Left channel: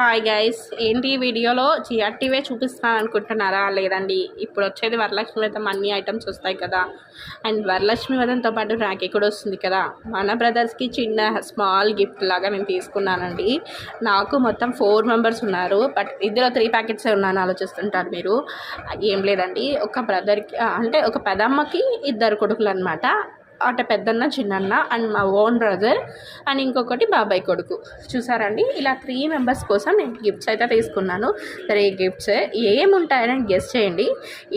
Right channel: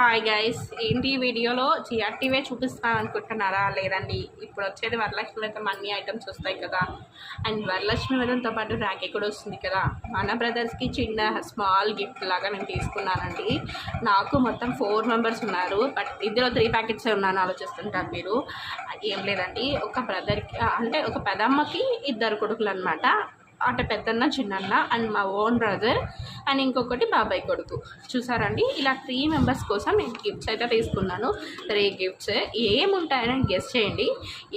Hi guys, ఏంటి ఈ వీడియోలో జిఆర్టీవే చూపిస్తాను అనుకుంటున్నారా? లేదండి, ఇప్పుడు వచ్చేది వరలక్ష్మి వ్రతం అన్ని ఐటమ్స్ వస్తాయి కదా. అండ్ వరలక్ష్మి వ్రతంతో పాటు రాఖీ కూడా వస్తుంది కదా. మన బ్రదర్స్కి చిన్న స్మాల్ గిఫ్ట్ లాగా నేను తీసుకున్నానండి. నాకు మొత్తం 4 మెంబర్స్ ఉన్నారు, బట్ ఇందులో 3 ప్యాకెట్సే ఉన్నాను ఆలోచిస్తుంటారు మీరు. ఏం లేదండి, ఒక బ్రదర్కి అంటే ఒక పెదమ్మకి 2 కొడుకులు అనమాట. అంటే పెద్దన్న, చిన్నన్న అండ్ మా ఓన్ బ్రదర్ అండ్ ఇంకొకటి బాబాయ్ కొడుకు. చూసారండి, ఇలా 3 మెంబర్స్ కోసం నేను గిఫ్ట్స్ అయితే తీసుకున్నాను. 3 గిఫ్ట్స్ ఏముంటాయని గెస్ చేయండి.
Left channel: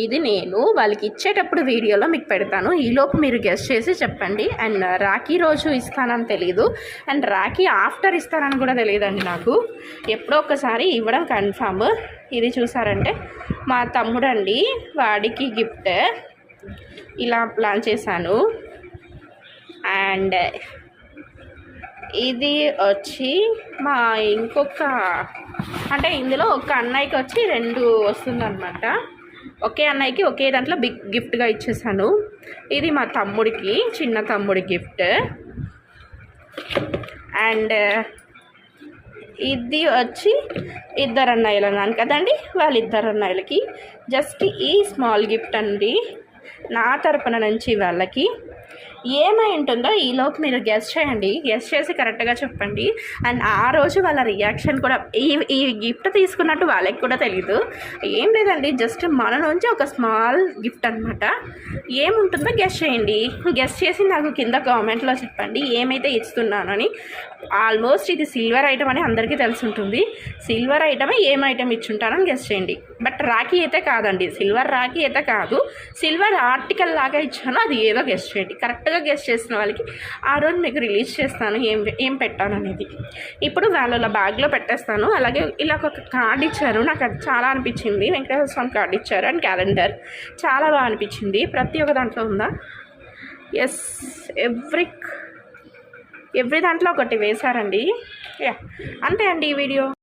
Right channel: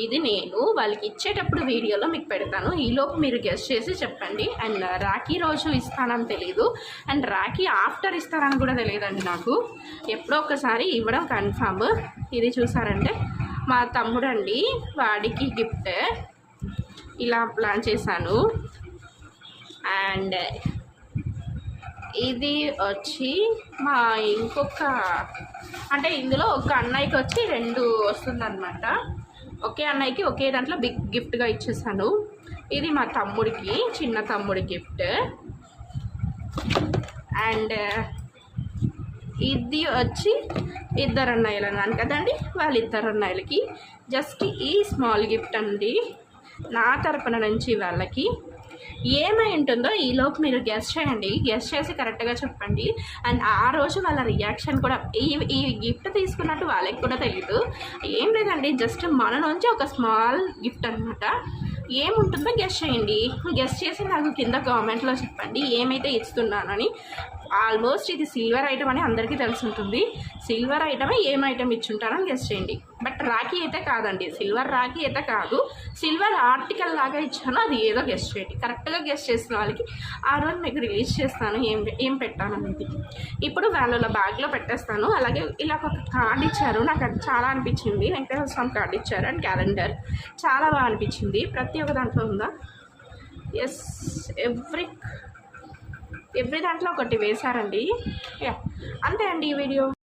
ఇది నేను వాళ్ళకి ఇచ్చేటప్పుడు వీడియోలో మీకు పెడతాను, ఈలోపు మీరు గెస్ చేసి చెప్పండి. అండ్ రాఖీ రోజు ఇస్తానని తెలీదు, అండ్ రాఖీ ఆఫ్టర్ ఇస్తానని కూడా తెలియదండి నాకు. ఎప్పుడో ఒకసారి ఇవ్వడం కన్ఫామ్. ఇది చూసారంటే మా తమ్ముడు అండి, వాడికి గిఫ్ట్ ఇలా ప్లాన్ చేశాను. అండ్ ఇది వచ్చి మా ఇంకొక అంటే ఇందులో ఒక అన్నయ్యకి వచ్చి 2 వస్తుందన్నమాట. ఒకే అన్నయ్యకి ఒకే దాంట్లో బిగ్ గిఫ్ట్గా ఇచ్చేసాను. ఇది మా తమ్ముడికి, చిన్న తమ్ముడి గిఫ్ట్. అండ్ ఇది వచ్చి 2 అన్నయ్యలు అన్నాను కదండి, వాళ్ళిద్దరు అన్నయ్యలకి జస్ట్ ఈ స్మాల్ గిఫ్ట్ అండి నా తరపున నుంచి వాళ్ళకి. ఏమై ఉంటుందో ఈలోపు మీరు గెస్ చేయండి, గెస్ చేసి కరెక్ట్గా చెప్పండి. అండ్ ఆ రోజు వాళ్ళ రియాక్షన్ కూడా, ఈ గిఫ్ట్ తీసుకున్నట్టు వాళ్ళకి కూడా తెలీదు. ఏం లేదండి, జస్ట్ మన నుంచి ఒక స్మాల్ గిఫ్ట్ అనమాట. ఏముంటుందో గెస్ చేయండి. గెస్ చేసి నాకు కింద కామెంట్లో చెప్పండి ఏమైతే ఇస్తున్నానని. ఆల్మోస్ట్ ఇది సిల్వర్ ఐటమ్ అని అందరికీ తెలిసి ఉంటుంది. సిల్వర్ ఐటమే ఏం ఐటమ్ ఇచ్చుంటానని గెస్ చేయండి. బట్ రాఖీ అయితే కాదండి, సిల్వర్ రాఖీ అయితే కాదు. సిల్వర్ ఆర్టికల్ లాగా ఇచ్చాను, అది ఏదో గెస్ చేయండి. కరెక్ట్గా గెస్ చేసిన వాళ్ళకి ఆ రోజు మీకు రిలీజ్ చేస్తాను ఏం పెట్టాను అనేది. ఇప్పుడు వాళ్ళ బ్యాగ్లో పెట్టేస్తాను. అలాగే ఇలా ఒక కార్డ్ ఇచ్చారు, నాకు అది చాలా అనిపించింది. వెంకటేశ్వర స్వామి కార్డ్ ఇచ్చారు అండ్ క్యాలెండర్ చాలా బాగా అనిపించింది. ప్రతి ఒక్క దాంట్లో ఉందా? ఎస్, ఎవ్రీ దాంట్లో ఒకటి వేశారండి. యా, అంతే అండి ఈ వీడియో.